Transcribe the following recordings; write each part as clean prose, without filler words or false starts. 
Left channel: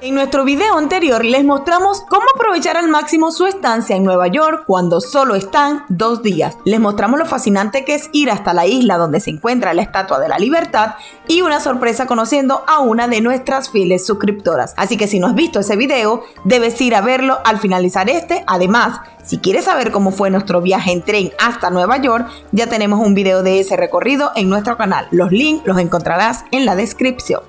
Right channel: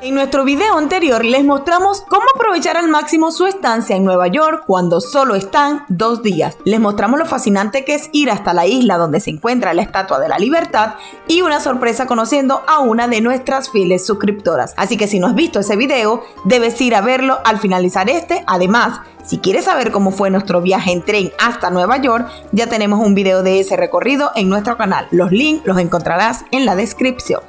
En nuestro video anterior les mostramos cómo aprovechar al máximo su estancia en Nueva York cuando solo están 2 días. Les mostramos lo fascinante que es ir hasta la isla donde se encuentra la Estatua de la Libertad y una sorpresa conociendo a una de nuestras fieles suscriptoras. Así que si no has visto ese video, debes ir a verlo al finalizar este. Además, si quieres saber cómo fue nuestro viaje en tren hasta Nueva York, ya tenemos un video de ese recorrido en nuestro canal. Los links los encontrarás en la descripción.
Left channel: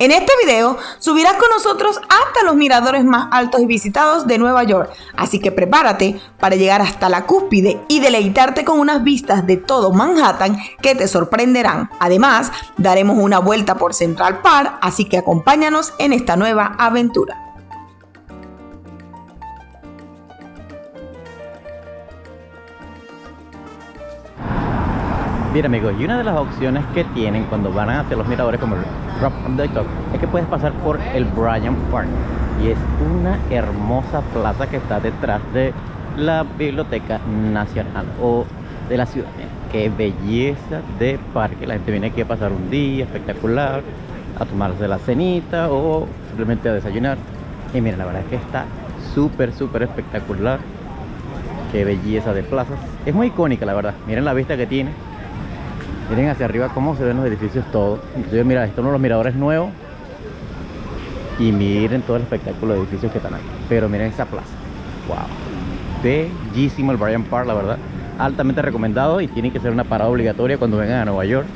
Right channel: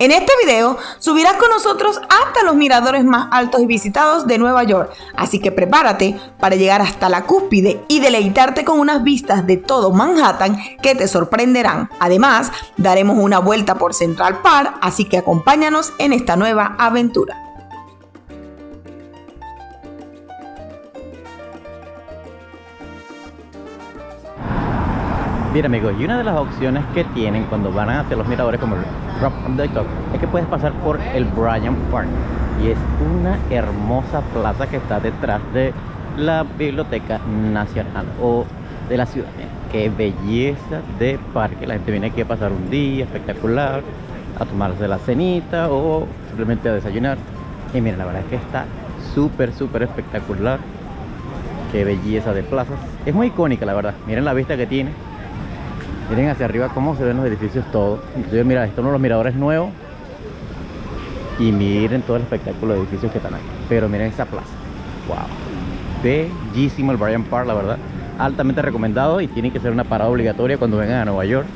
En este video subirás con nosotros hasta los miradores más altos y visitados de Nueva York, así que prepárate para llegar hasta la cúspide y deleitarte con unas vistas de todo Manhattan que te sorprenderán. Además, daremos una vuelta por Central Park, así que acompáñanos en esta nueva aventura. Bien amigos, y una de las opciones que tienen cuando van hacia los miradores como el Rock from the Top es que puedes pasar por el Bryant Park, y es una hermosa plaza que está detrás de la Biblioteca Nacional o de la ciudad. Qué belleza de parque, la gente viene aquí a pasar un día espectacular, a tomarse la cenita o simplemente a desayunar. Y miren, la verdad es que está súper espectacular. Qué belleza de plazas, es muy icónica la verdad. Miren la vista que tiene. Miren hacia arriba cómo se ven los edificios todos. Inclusive mira, esto es uno de los miradores nuevos. Y miren todo el espectáculo de edificios que están aquí. Pero miren esa plaza. Wow. Bellísimo el Bryant Park, la verdad. Altamente recomendado y tiene que ser una parada obligatoria cuando vengan a Nueva York.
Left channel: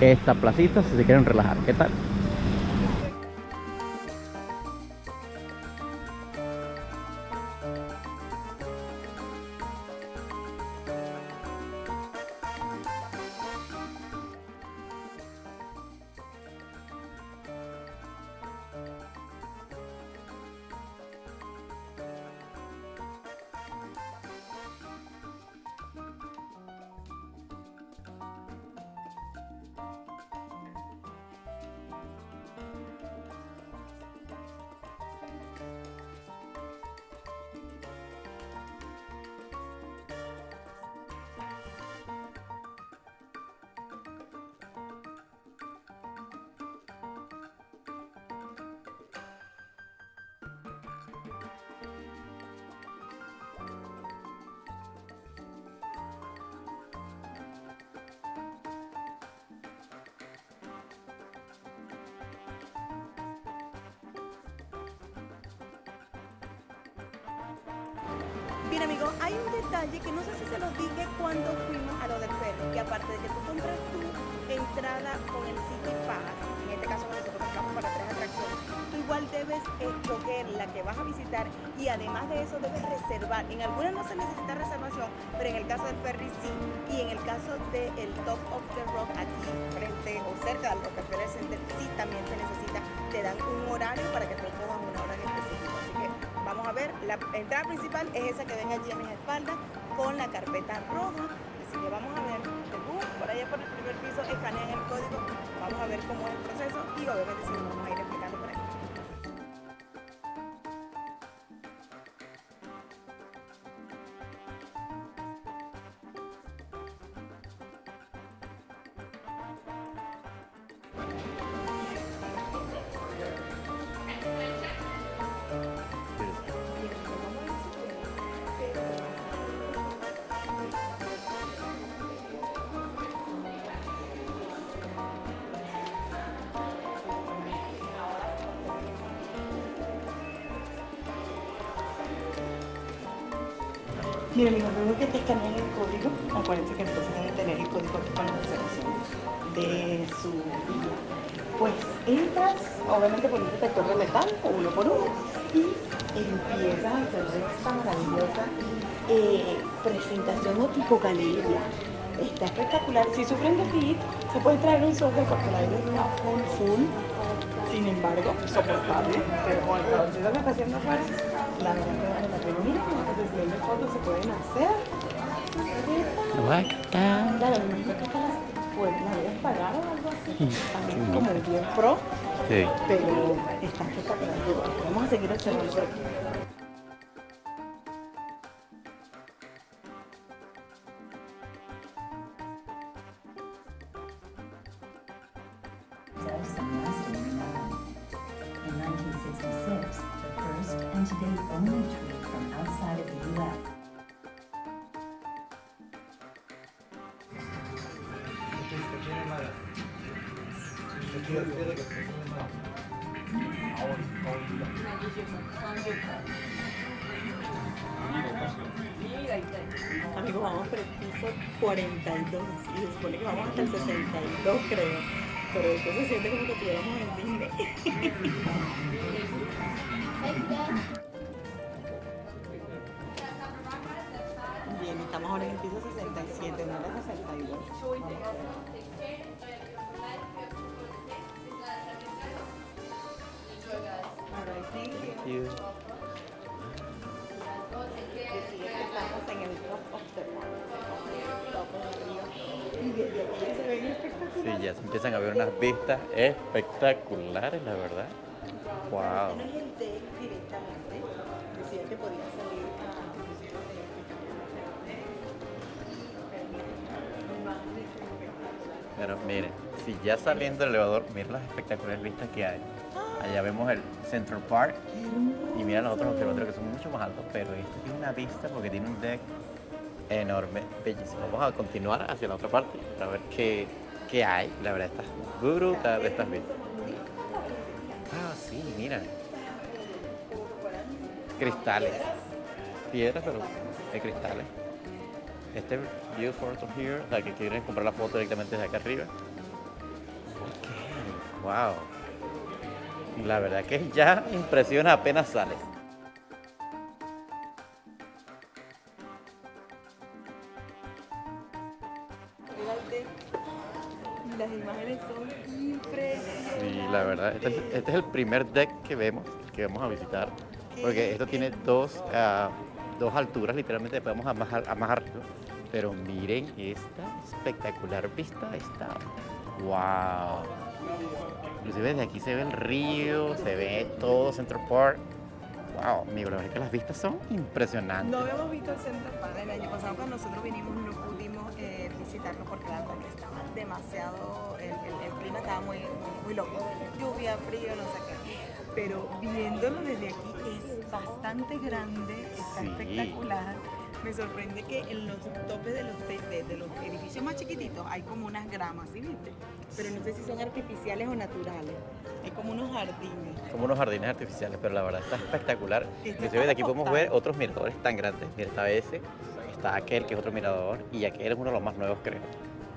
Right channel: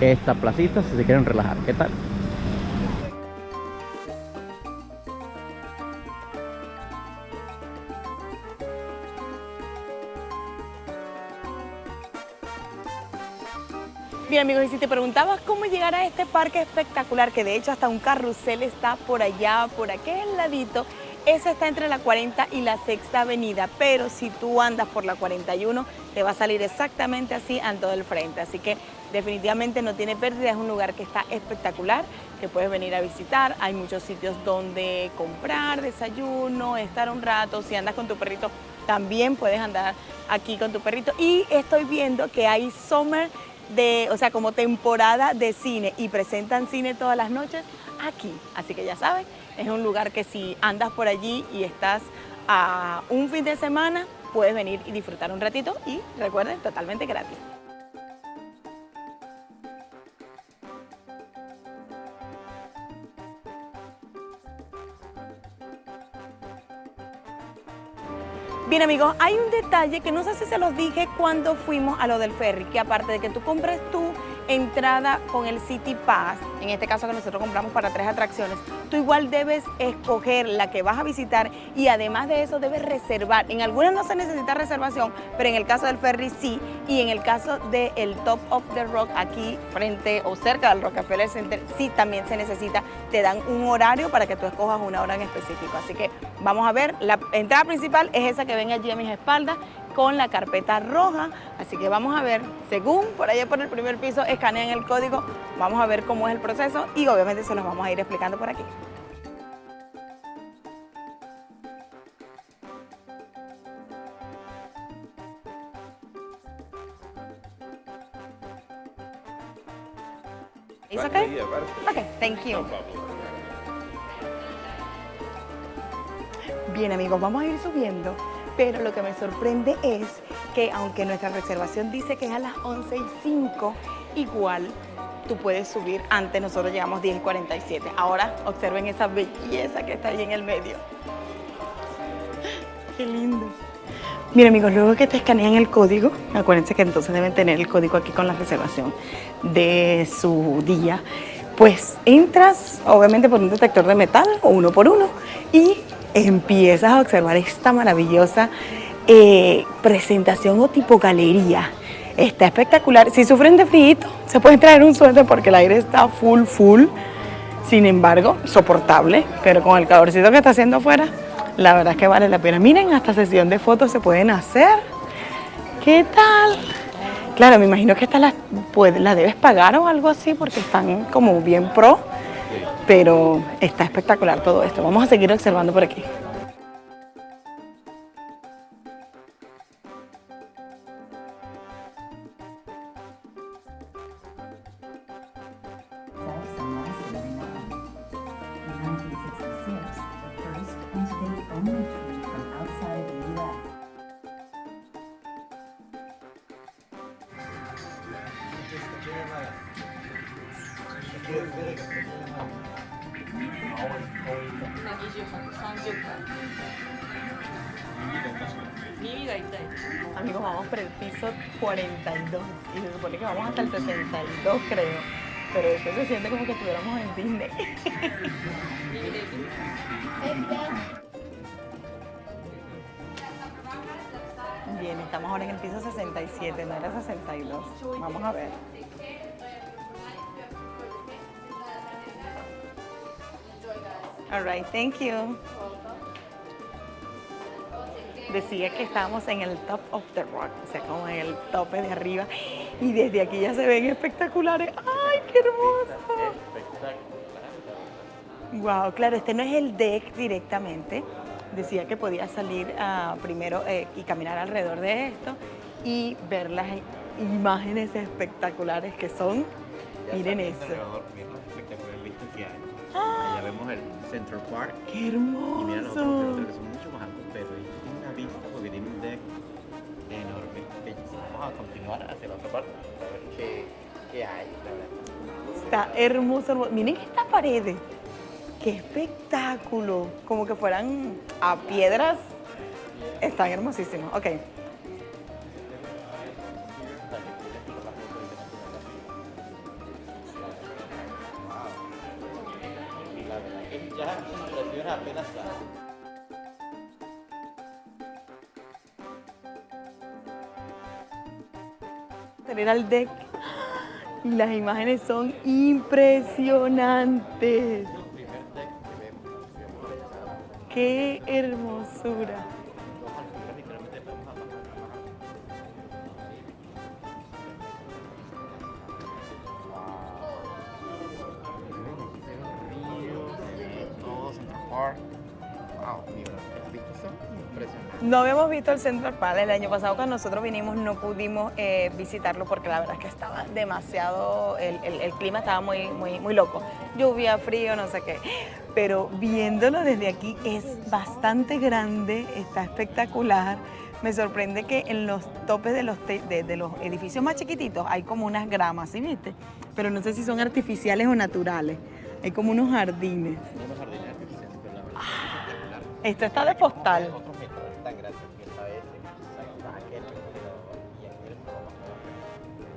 Esta placita si se quieren relajar. ¿Qué tal? Bien amigos, y si te preguntabas cómo llegar a este parque espectacular, que de hecho hasta un carrusel está por allá, por aquel ladito, ese está entre la 40 y la Sexta Avenida, pero si tú andas por la 41, te va a salir exactamente así a todo el frente, así que definitivamente no tiene pérdida, es un lugar que está espectacular, que puedes venir a visitar, hay muchos sitios donde comprar desayuno, estar un rato, si andas con tu perrito, también puedes andar aquí con tu perrito, y estoy viendo que hay summer o sea, como temporada de cine y presentan cine todas las noches aquí. Así que ya sabes, es un lugar que si andas por allí y estás a un fin de semana, puedes venir y disfrutar un ratito y recuerden, totalmente gratis. Bien amigos, hay un detalle que no sé si se los dije cuando fuimos a lo del ferry, que aparte de que tú compres tu entrada con el City Pass, en este caso que nosotros compramos para 3 atracciones, tú igual debes escoger la que vas a visitar y además de eso debes reservar. En algunas no se necesita reservación, pero en el caso del ferry sí, y en el caso del Top of the Rock aquí frente o cerca del Rockefeller Center sí también se necesita, te dan un horario para que tú escojas una hora en específico. Así que vamos a ver, la entrada principal es esa que ven allí a mis espaldas con la carpeta roja, así que vamos a ver, según por allá por el primer piso escanean el código, vamos a ver cómo es el proceso y obviamente se los vamos a ir explicando por aquí. ¿Es okay? Okay, thank you. Bien amigos, vamos a ir subiendo, pero lo que me sorprende es que aunque nuestra reservación dice que es a las 11:05, igual tú puedes subir antes, nosotros llegamos 10:47. Ahora observen esa belleza que está ahí en el medio. Qué lindo. Mira amigos, luego que te escanean el código, acuérdense que entonces deben tener el código aquí con la reservación de su día, pues entras obviamente por un detector de metal o uno por uno y empiezas a observar esta maravillosa presentación o tipo galería. Está espectacular. Si sufren de frío, se pueden traer un suéter porque el aire está full. Sin embargo, soportable, pero con el calorcito que está haciendo afuera, la verdad es que vale la pena. Miren, hasta sesión de fotos se pueden hacer. ¿Qué tal? Claro, me imagino que esta la debes pagar o algo así porque están como bien pro. Sí. Pero está espectacular todo esto. Vamos a seguir observando por aquí. Amigos, vamos por el piso 42 y se supone que vamos hasta el 62, creo. Pero esto se siente como que estuviéramos en Disney. Bien, estamos ahora en el piso 67, no era 62. Vamos a ver. All right, thank you. Decía que estábamos en el top of the rock, o sea, como en el tope de arriba. Y desde aquí ya se ven espectaculares. Ya se empiezan a ver unas vistas espectaculares, la verdad. Wow, claro, este no es el deck directamente. Decía que podía salir primero y caminar alrededor de esto y ver las imágenes espectaculares que Pero son. miren, si ya Miren saliendo esto. del elevador, miren las espectaculares vistas que hay. Allá vemos el Central Park. ¡Qué hermoso! Y mira los otros que son mucho más altos, pero este tiene una vista porque tiene un deck enorme, bellísimo. Vamos a continuar hacia la otra parte para ver qué hay. La verdad está brutal. Está hermoso. Miren estas paredes. Ah, sí, ¡Qué mira. espectáculo! Como que fueran Cristales. piedras. Piedras. Están hermosísimos. Ok. Este view from here, la que quieres comprar la foto directamente desde acá arriba. Wow. La verdad que ya impresiona apenas sale. Tener al deck y las imágenes son La verdad, impresionantes. este es el primer deck que vamos a visitar. ¡Qué Porque esto tiene hermoso! dos alturas, literalmente podemos bajar. Pero miren esta espectacular vista. ¡Wow! Inclusive desde aquí se ve el río, se ve todo Central Park. ¡Wow! Amigo, la verdad es que las vistas son impresionantes. No habíamos visto el Central Park el año pasado. Cuando nosotros vinimos no pudimos visitarlo porque la verdad es que estaba demasiado, el clima estaba muy loco. Lluvia, frío, no sé qué. Pero viéndolo desde aquí es bastante grande, está espectacular. Me sorprende que en los topes de los edificios más chiquititos hay como unas gramas, ¿sí viste? Pero no sé si son artificiales o naturales. Hay como unos jardines. Como unos jardines artificiales, pero la verdad está espectacular. Esto Inclusive está de de aquí podemos postal. ver otros miradores tan grandes. Mira, está ese, está aquel que es otro mirador y aquel es uno de los más nuevos, creo.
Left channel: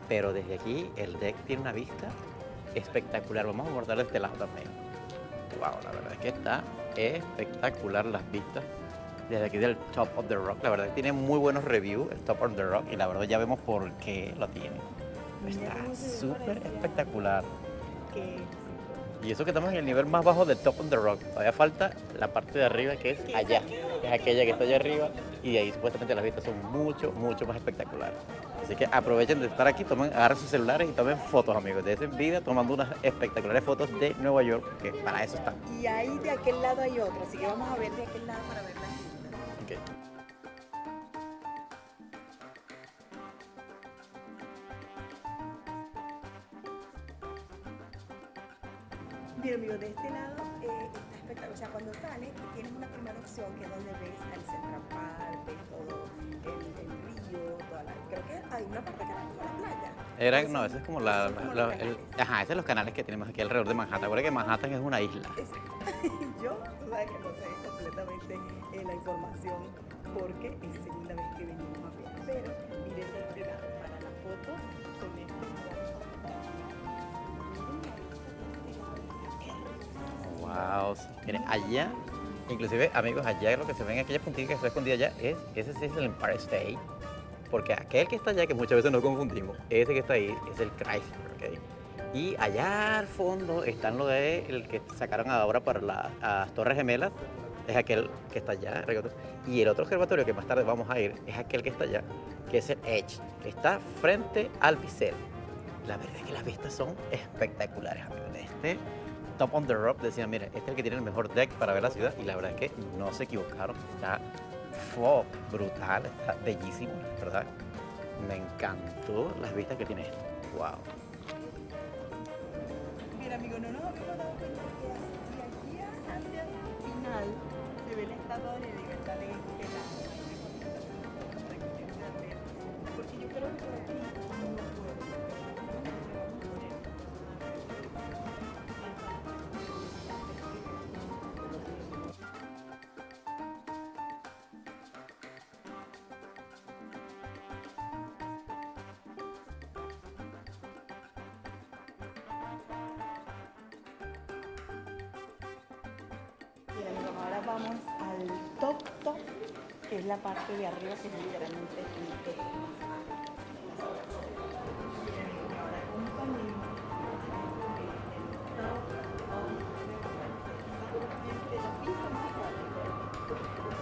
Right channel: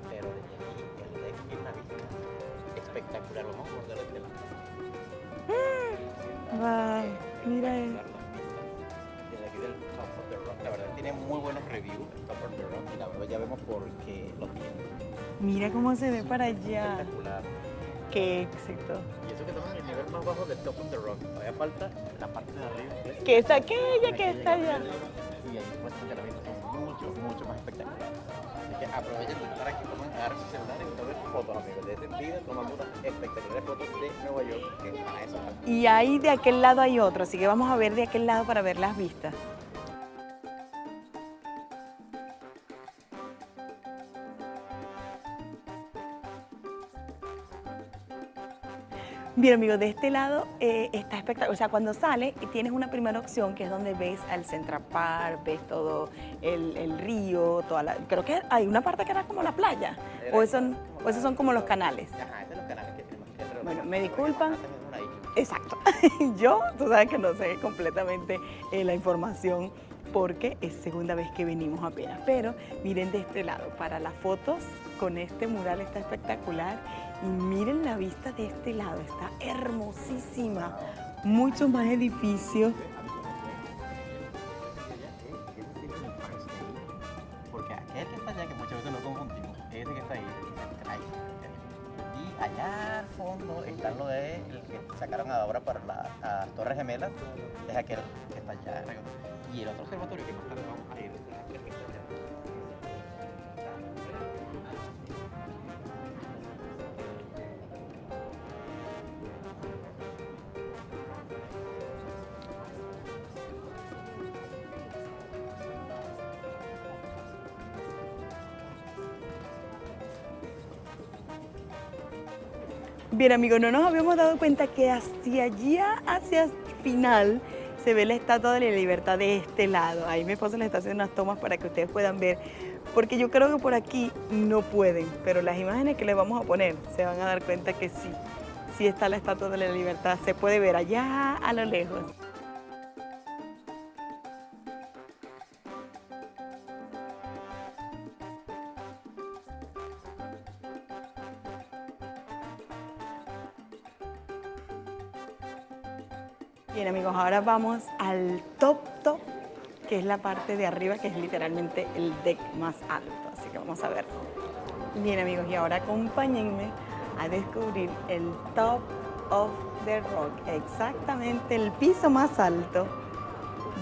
Pero desde aquí el deck tiene una vista espectacular. Vamos a abordar este lado también. Wow, la verdad es que está Wow, espectacular las vistas. Desde aquí del Top of the Rock, la verdad tiene muy buenos reviews, el Top of the Rock, y la verdad ya vemos por qué lo tiene. Mira cómo se ve para Súper allá. espectacular. Qué éxito. Y eso que estamos en el nivel más bajo del Top of the Rock. Todavía falta la parte de arriba que es Que es allá. aquella que está está allá allá. arriba. Y de ahí supuestamente las vistas son mucho más espectaculares. Así que aprovechen de estar aquí, agarren sus celulares y tomen fotos, amigos. De ese vida tomando unas espectaculares fotos de Nueva York, que para eso están. Y ahí de aquel lado hay otro, así que vamos a ver de aquel lado para ver las vistas. Ok. Bien, amigos, de este lado está espectacular. O sea, cuando sales tienes una primera opción que es donde ves al Central Park, ves todo el río, creo que hay una parte que era como la playa. O esos son como los canales. Ajá, esos son los canales que tenemos aquí alrededor de Me Manhattan. Recuerda que disculpan. Manhattan es una isla. Exacto. Yo, tú sabes que no sé completamente la información porque es segunda vez que venimos apenas. Pero miren de este lado, para las fotos con este mural está espectacular. Y miren la vista de este lado, está hermosísima. Wow. Mira, Mucho allá, más edificios. Inclusive, amigos, allá lo que se ven, aquella puntita que está escondida allá, ese sí es el Empire State. Porque aquel que está allá, que muchas veces nos confundimos, ese que está ahí es el Chrysler. ¿Ok? Y allá al fondo están lo de el que sacaron ahora para las Torres Gemelas, es aquel que está allá. Y el otro observatorio que más tarde vamos a ir es aquel que está allá, que es el Edge, que está frente al Bisel. La verdad es que las vistas son espectaculares, amigos. Este Top on the Rock decían, miren, este es el que tiene el mejor deck para ver la ciudad. Y la verdad es que no se equivocaron. Está brutal, está bellísimo, ¿verdad? Me encantó las vistas que tiene esto. Wow. Bien, amigos, no nos habíamos dado cuenta que hacia allá, hacia el final, se ve la Estatua de la Libertad de este lado. Ahí mi esposo le está haciendo unas tomas para que ustedes puedan ver, porque yo creo que por aquí no pueden, pero las imágenes que les vamos a poner se van a dar cuenta que sí, sí está la Estatua de la Libertad, se puede ver allá a lo lejos. Bien amigos, ahora vamos al top, que es la parte de arriba, que es literalmente el deck más alto. Así que vamos a ver. Bien amigos, y ahora acompáñenme a descubrir el top of the rock, exactamente el piso más alto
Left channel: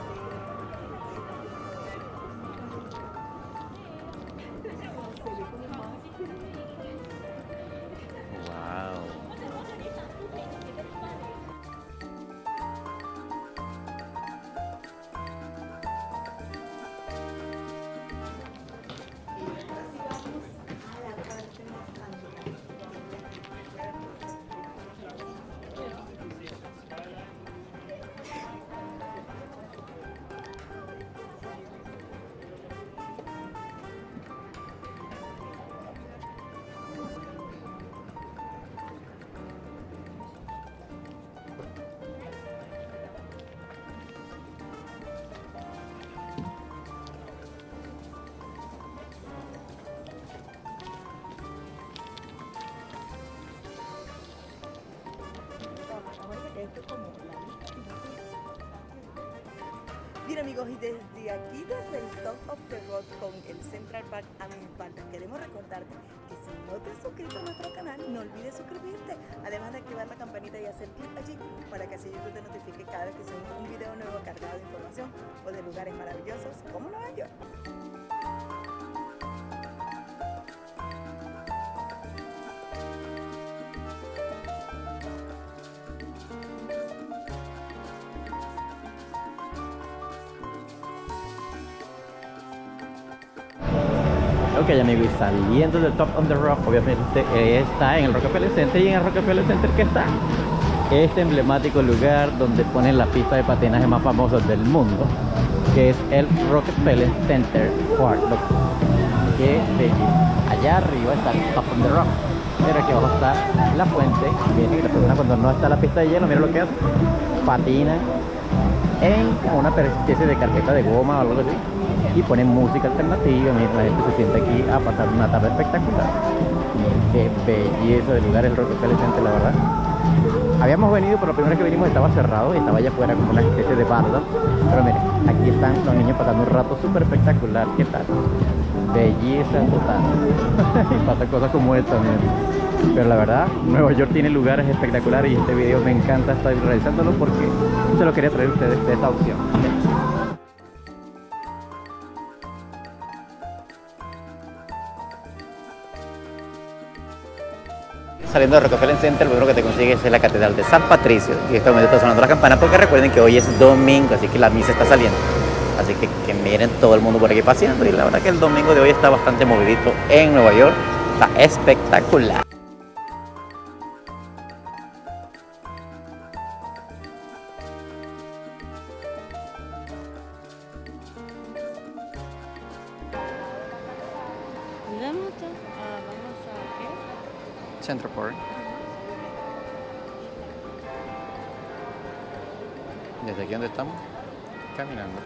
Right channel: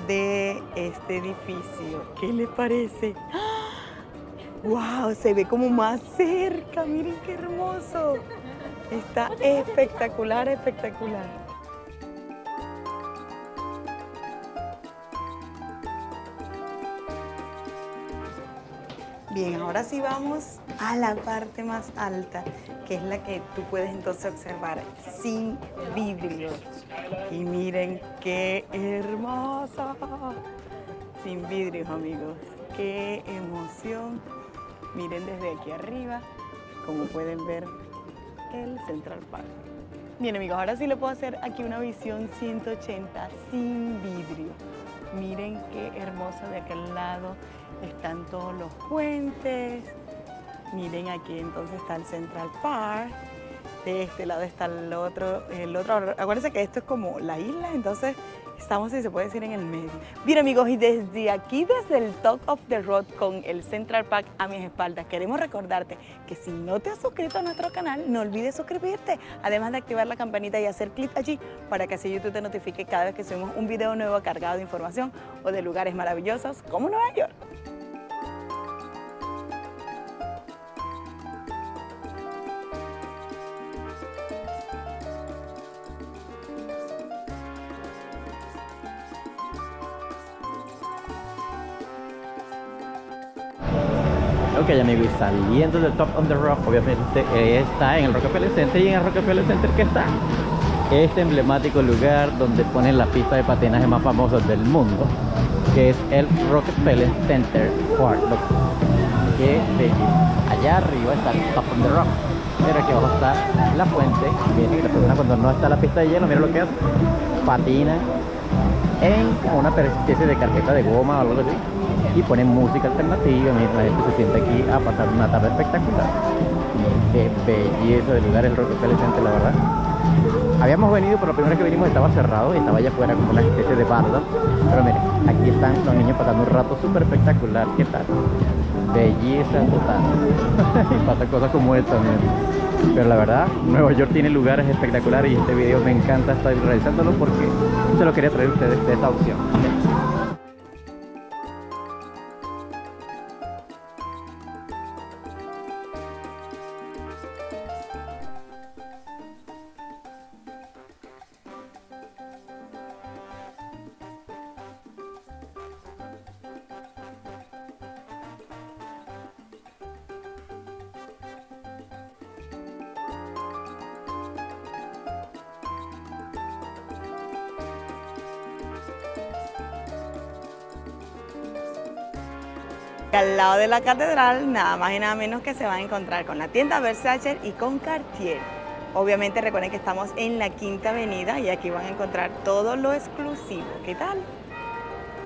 de este edificio. ¿Qué les parece? ¡Wow! Se ve como más cerca, miren qué hermoso. Está espectacular, espectacular. Bien, ahora sí vamos a la parte más alta, que es la que tú puedes entonces observar sin vidrio. Y miren qué hermosa. Sin vidrios, amigos. Qué emoción. Miren desde aquí arriba, como pueden ver, el Central Park. Bien, amigos, ahora sí le puedo hacer aquí una visión 180 sin vidrio. Miren qué hermoso de aquel lado. Están todos los puentes. Miren aquí entonces está el Central Park. De este lado está el otro. Acuérdense que esto es como la isla, entonces estamos, si se puede decir, en el medio. Bien amigos, y desde aquí, desde el Top of the Road con el Central Park a mis espaldas, queremos recordarte que si no te has suscrito a nuestro canal, no olvides suscribirte, además de activar la campanita y hacer clic allí para que así YouTube te notifique cada vez que subimos un video nuevo cargado de información o de lugares maravillosos como Nueva York. Ok amigo, y saliendo del Top on the Rock, obviamente está en el Rockefeller Center, y en el Rockefeller Center que está este emblemático lugar donde ponen la pista de patinaje más famosa del mundo, que es el Rockefeller Center Park. Que allá arriba está el Top on the Rock, pero aquí abajo está la fuente. Miren, las personas cuando no está la pista de hielo, miren lo que hacen, patinan en una especie de carpeta de goma o algo así, y ponen música alternativa. Miren, la gente se siente aquí a pasar una tarde espectacular. Miren qué belleza de lugar el Rockefeller Center, la verdad. Habíamos venido, pero la primera vez que vinimos estaba cerrado y estaba allá afuera como una especie de barda. Pero miren, aquí están los niños pasando un rato súper espectacular. ¿Qué tal? Belleza total. Y pasan cosas como esta, miren. Pero la verdad, Nueva York tiene lugares espectaculares y este video me encanta estar realizándolo porque se lo quería traer a ustedes de esta opción. Saliendo de Rockefeller Center, lo primero que te consigues es la Catedral de San Patricio. Y en este momento está sonando la campana porque recuerden que hoy es domingo, así que la misa está saliendo. Así que miren todo el mundo por aquí paseando, y la verdad que el domingo de hoy está bastante movidito en Nueva York. Está espectacular. Al lado de la catedral, nada más y nada menos que se van a encontrar con la tienda Versace y con Cartier. Obviamente recuerden que estamos en la Quinta Avenida y aquí van a encontrar todo lo exclusivo. ¿Desde aquí dónde estamos? ¿Qué tal? Caminando.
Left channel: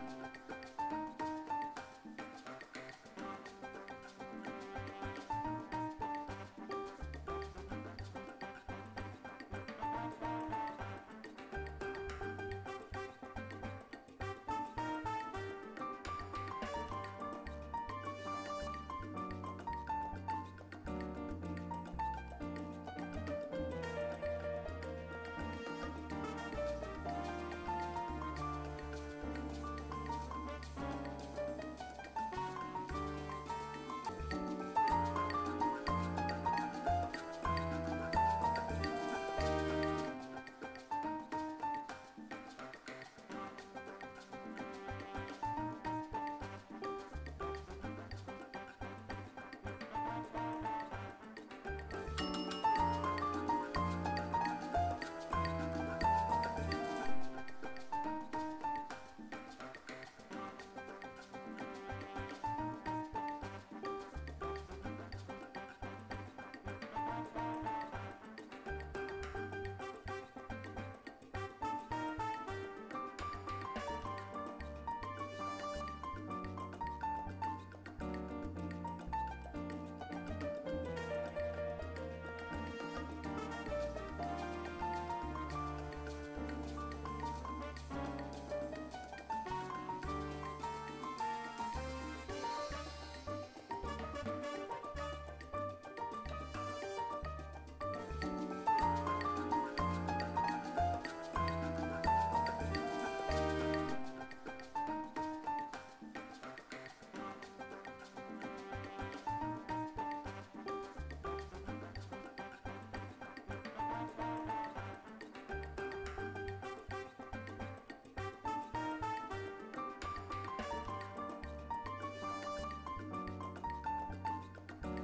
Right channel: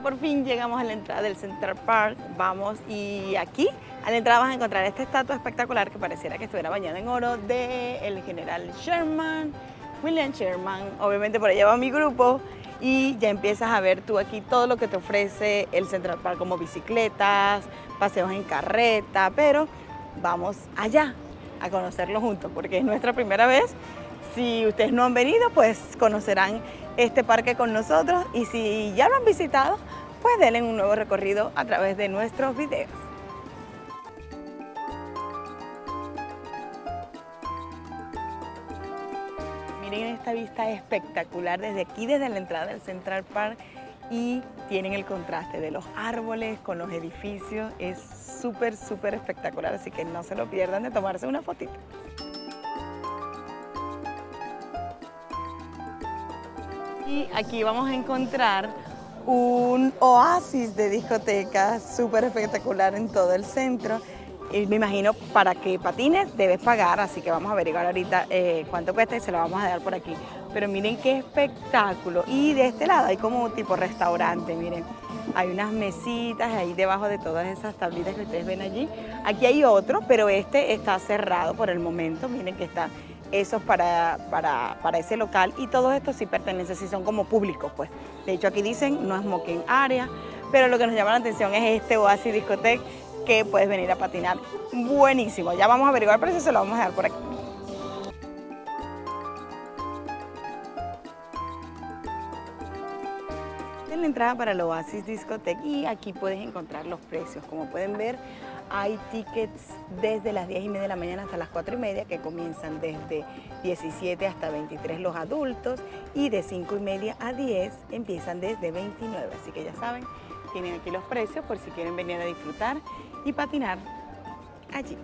Por fin llegamos a la entrada del Central Park. Vamos, y aquí a la entrada vas a encontrar esta estatua espectacular que pareciera que estuviera bañada en oro del general Sherman, William Sherman. Obviamente por allá va mi grupo y ya empiezas a ver tú aquí todo lo que te ofrece el Central Park, como bicicletas, paseos en carreta, pero vamos allá a conocerlo juntos porque es nuestra primera vez. Si ustedes no han venido, pues conocerán este parque con nosotros, y si ya lo han visitado, pues denle un nuevo recorrido a través de nuestros videos. Miren esta vista espectacular desde aquí, desde la entrada del Central Park, y tienen el contraste de los árboles con los edificios. Es súper, súper espectacular, así que no se lo pierdan de tomarse una fotito. Y aquí vamos a encontrar un oasis de discotecas súper espectacular en todo el centro. Y me imagino para que patines debes pagar, así que vamos a averiguar ahorita cuánto cuesta y se lo vamos a dar por aquí pero miren qué espectáculo. Y de este lado hay como tipo restaurante, miren. Hay unas mesitas ahí debajo de todas esas tablitas que ustedes ven allí. Aquí hay otro, pero este está cerrado por el momento. Miren que está eso para ese local. Y todos estos sí pertenecen, sí son como públicos, pues. De hecho, aquí dicen no smoking area, pero lo que nos llama la atención es este Oasis Discotheque que puedes venir a patinar. Buenísimo. Ya vamos a averiguar el precio, se lo vamos a dar por aquí. En la entrada para el Oasis Discotheque y aquí puedes encontrar los precios. Como pueden ver, hay tickets desde las 10:30 de la mañana hasta las 4:30 que comienzan desde 17 hasta 23 los adultos y de 5:30 a 10 empiezan desde 29. Así que ya saben, tienen aquí los precios por si quieren venir a disfrutar y patinar allí.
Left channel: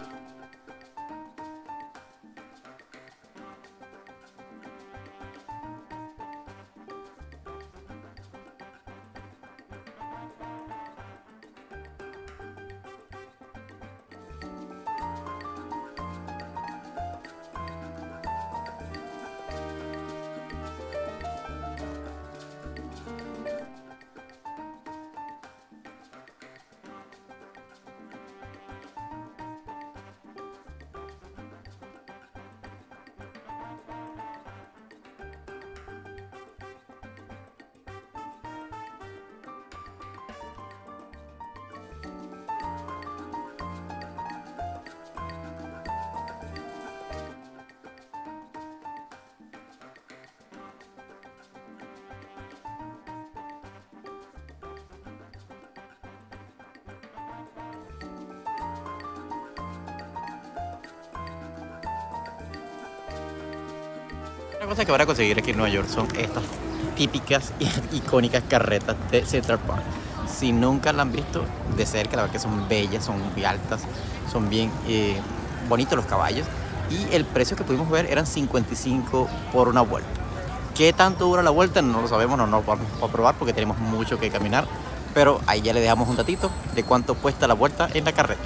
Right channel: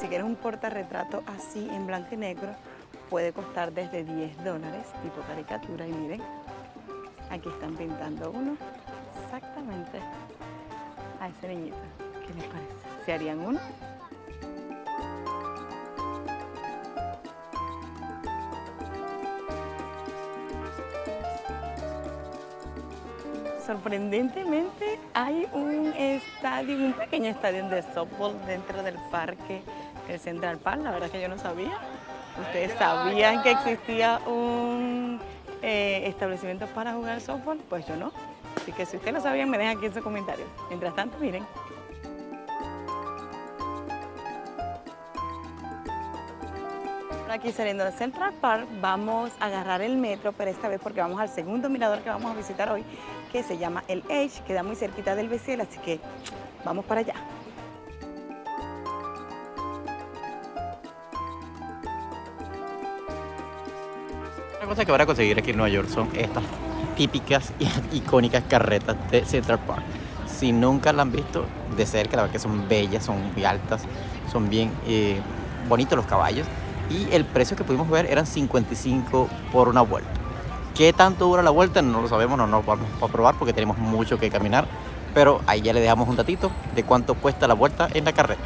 Si quieres un portarretrato así en blanco y negro, puede costar desde $10, tipo caricatura. Y miren, aquí están pintando uno exactamente a ese niñito. ¿Qué les parece? ¿Se harían uno? Sorprendentemente hay un pequeño estadio de softball dentro del parque, el Central Park. La verdad es que yo no sabía. ¿Ustedes sabían que existía un establecimiento para jugar softball? Pues yo no. Así que si ustedes lo sabían, me dejan aquí en sus comentarios. Mientras tanto, miren. Aquí saliendo de Central Park vamos a agarrar el metro, pero esta vez porque vamos al segundo mirador que vamos a visitar hoy, que se llama el Edge, queda muy cerquita del Beciel, así que vamos para allá. Una cosa que van a conseguir aquí en Nueva York son estas típicas y icónicas carretas de Central Park. Si nunca la han visto de cerca, la verdad que son bellas, son muy altas, son bien bonitos los caballos. Y el precio que pudimos ver eran 55 por una vuelta. ¿Qué tanto dura la vuelta? No lo sabemos, no nos vamos a probar porque tenemos mucho que caminar. Pero ahí ya le dejamos un datito de cuánto cuesta la vuelta en la carreta.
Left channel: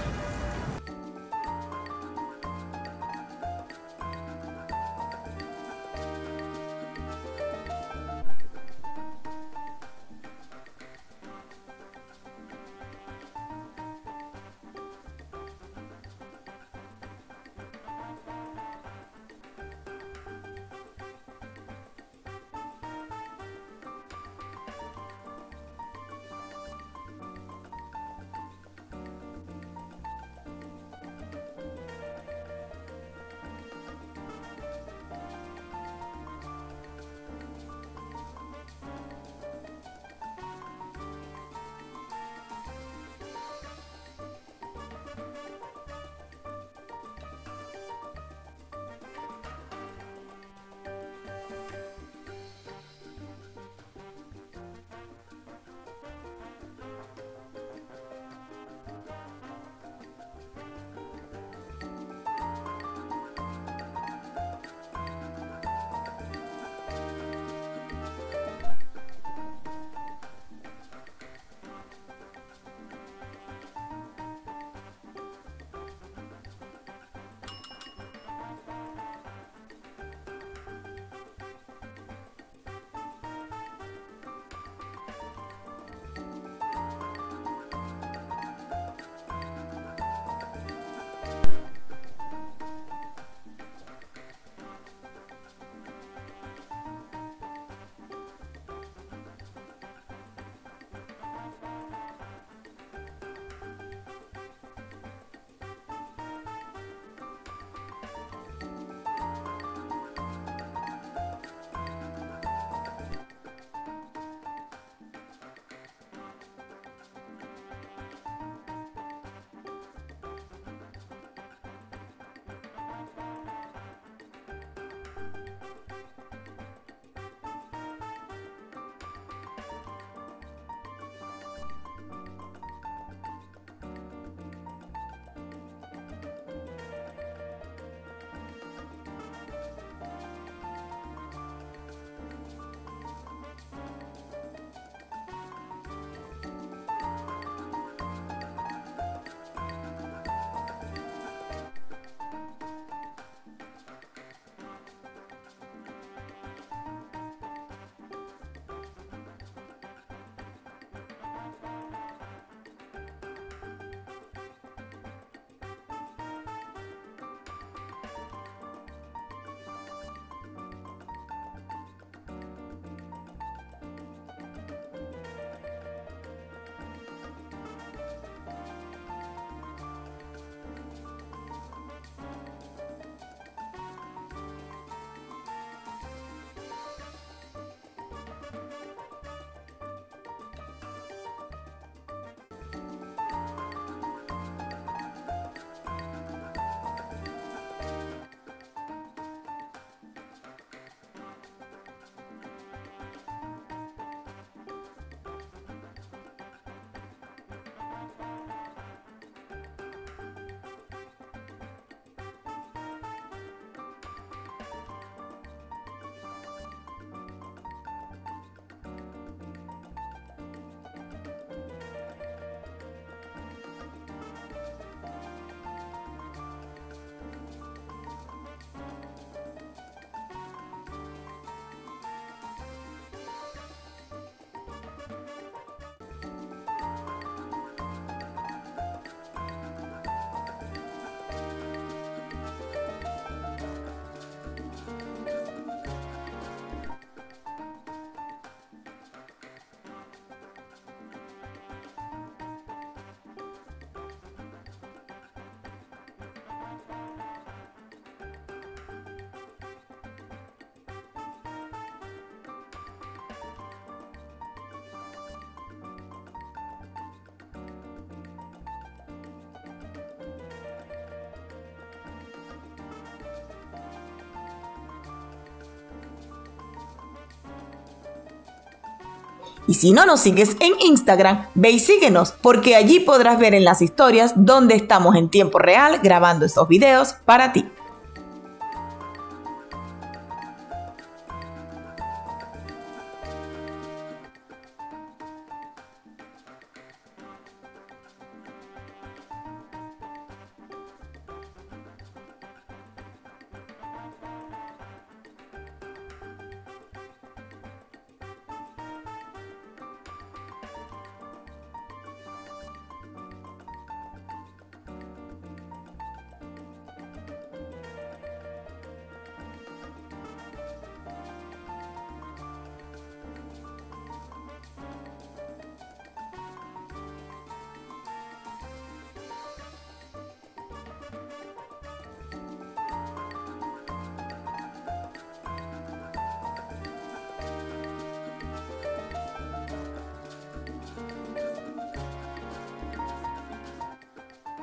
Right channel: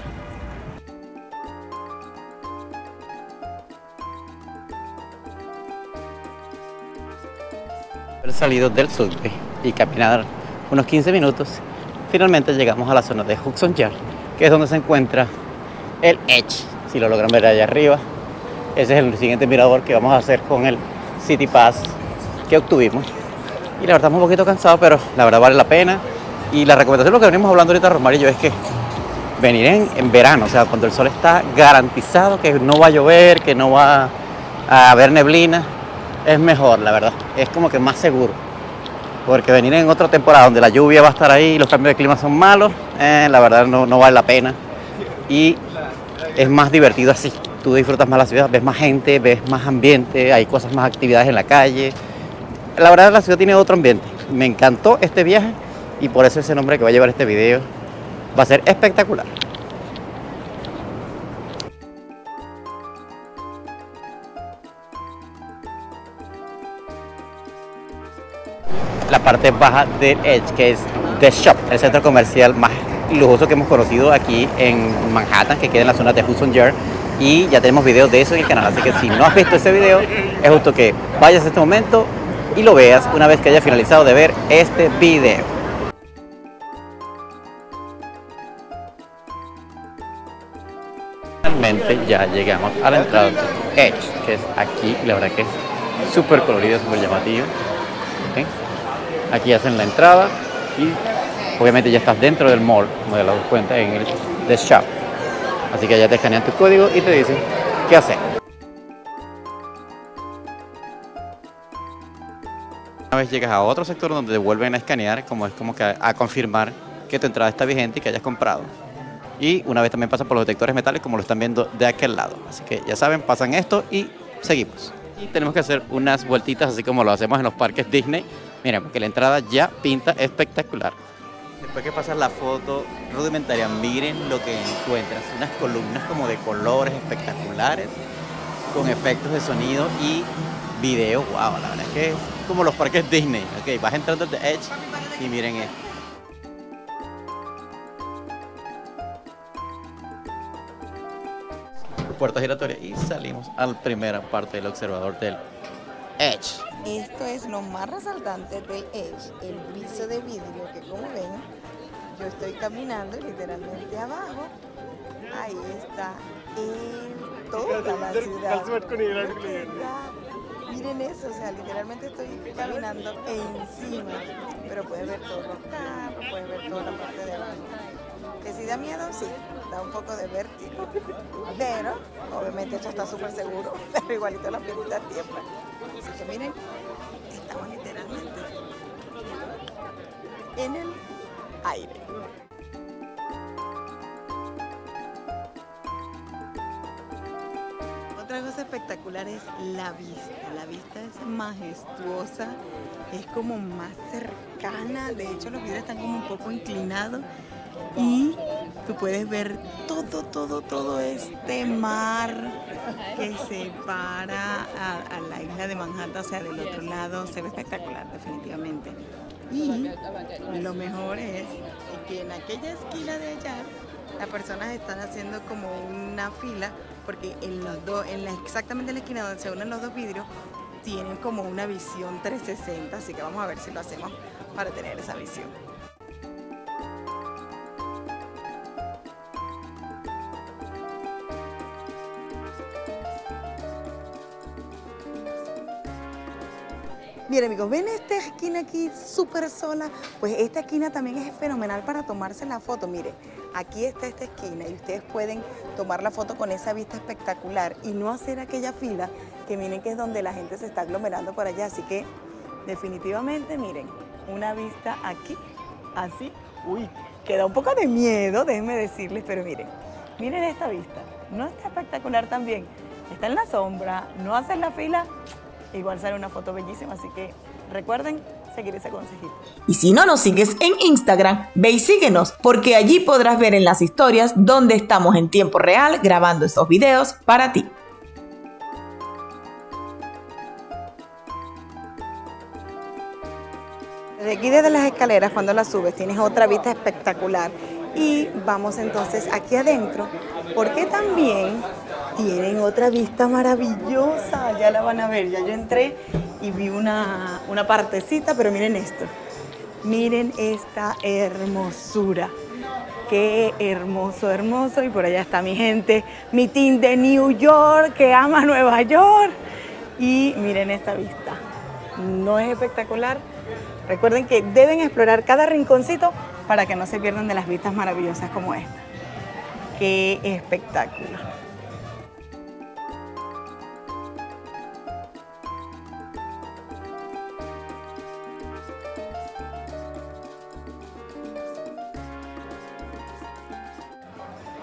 Haber salido del subway y caminar unos 15 minutos, finalmente llegamos a la zona de Hudson Yard, que es donde se encuentra el Edge. Si lo logran ver allá arriba, ese es el siguiente mirador que vamos a hacer con el City Pass que obtuvimos. Y la verdad estamos un poquito cansados, pero la verdad vale la pena. Y la recomendación, lo que venimos hablando ahorita, Romar y yo, es que venir en verano, o sea, cuando el sol está garantizado que no va a llover, que no va a haber neblina, es mejor, la verdad. Es como que más seguro. Porque venir en otra temporada donde la lluvia va a estar ahí y los cambios de clima son malos, la verdad no vale la pena. Y es más divertido así. Tú disfrutas más la ciudad, ves más gente, ves más ambiente, hay cosas, más actividades en la calle. La verdad la ciudad tiene otro ambiente. Me encantó este viaje y por eso ese nombre que va a llevar este video va a ser espectacular. La parte baja del Edge, que es The Shop, el centro comercial más lujoso que hemos conocido aquí en Manhattan, que queda en la zona de Hudson Yard. Y ya tenemos videos de eso en el canal, así que si no has visto ese video, es justo que vayas a este momento y lo veas una vez que haya finalizado de ver este video. Finalmente ya llegamos a la entrada de Edge, que es aquí, y la verdad que es súper colorido, súper llamativo. ¿Okay? Aquí hacen la entrada y obviamente ya estás dentro del mall, como te das cuenta, en el The Shop. Así que ya te escanean tu código y te dicen qué hacer. Una vez llegas a otro sector donde te vuelven a escanear, como que a confirmar que tu entrada está vigente y que hayas comprado. Y una vez también pasan por los detectores metales, como lo están viendo de aquel lado. Así que ya saben, pasan esto y seguimos. Y tenemos que hacer unas vueltitas así como lo hacemos en los parques Disney. Miren, porque la entrada ya pinta espectacular. Después que pasas la foto rudimentaria, miren lo que encuentras. Unas columnas como de colores espectaculares, con efectos de sonido y video, wow, la verdad es que es como los parques Disney. Ok, vas entrando de Edge y miren esto. Puerta giratoria y salimos a la primera parte del observador del Edge. Esto es lo más resaltante del Edge, el piso de vidrio que, como ven, yo estoy caminando y literalmente abajo, ahí está toda la ciudad. Miren eso, o sea, literalmente estoy caminando encima, pero puedes ver todos los carros, puedes ver toda la parte de abajo. Que si da miedo, sí, da un poco de vértigo, pero obviamente esto está súper seguro, pero igualito la pielita tiembla. Así que miren, estamos literalmente en el aire. Otra cosa espectacular es la vista. La vista es majestuosa, es como más cercana. De hecho, los vidrios están como un poco inclinados y tú puedes ver todo este mar que separa a la isla de Manhattan, o sea, del otro lado. Se ve espectacular, definitivamente. Y lo mejor es que en aquella esquina de allá las personas están haciendo como una fila, porque en los dos, exactamente en la esquina donde se unen los dos vidrios, tienen como una visión 360, así que vamos a ver si lo hacemos para tener esa visión. Miren amigos, ¿ven esta esquina aquí súper sola? Pues esta esquina también es fenomenal para tomarse la foto. Miren, aquí está esta esquina y ustedes pueden tomar la foto con esa vista espectacular y no hacer aquella fila que miren que es donde la gente se está aglomerando por allá. Así que definitivamente miren, una vista aquí, así, uy, que da un poco de miedo, déjenme decirles, pero miren esta vista. No está espectacular también, está en la sombra, no hacen la fila. Igual sale una foto bellísima, así que recuerden seguir ese consejito. Y si no nos sigues en Instagram, ve y síguenos, porque allí podrás ver en las historias donde estamos en tiempo real grabando estos videos para ti. Desde aquí, desde las escaleras, cuando las subes, tienes otra vista espectacular. Y vamos entonces aquí adentro, porque también tienen otra vista maravillosa. Ya la van a ver, ya yo entré y vi una partecita, pero miren esto. Miren esta hermosura. Qué hermoso, hermoso. Y por allá está mi gente, mi team de New York, que ama Nueva York. Y miren esta vista. ¿No es espectacular? Recuerden que deben explorar cada rinconcito para que no se pierdan de las vistas maravillosas como esta. ¡Qué espectáculo!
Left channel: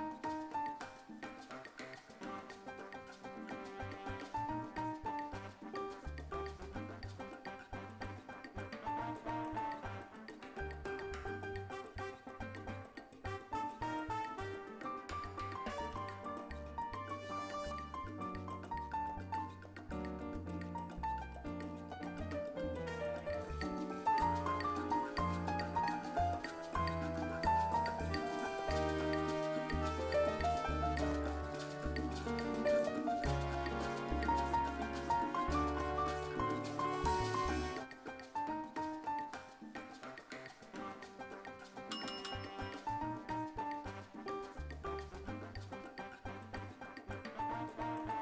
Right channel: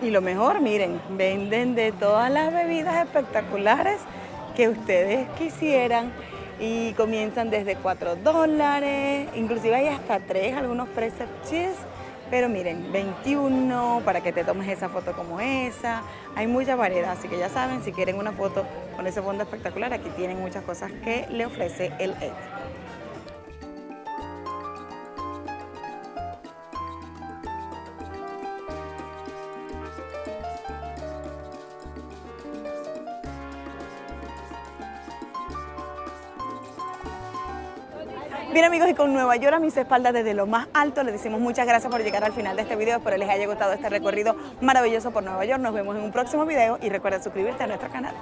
Y lo mejor, miren, venden de todas las bebidas espectaculares que ustedes quisieran. Y comienzan desde $4, inclusive hay hasta 3, algunos preset cheese, pero miren, 21 para que te tomes esa foto como esa. Hay mucha variedad, así que ya saben, si quieren una foto con ese fondo espectacular, aquí tienen muchas cosas que le ofrece el Edge. Bien amigos, y con Nueva York a mis espaldas desde lo más alto, les decimos muchas gracias por llegar al final de este video. Espero les haya gustado este recorrido maravilloso por Nueva York. Nos vemos en un próximo video y recuerda suscribirte a nuestro canal.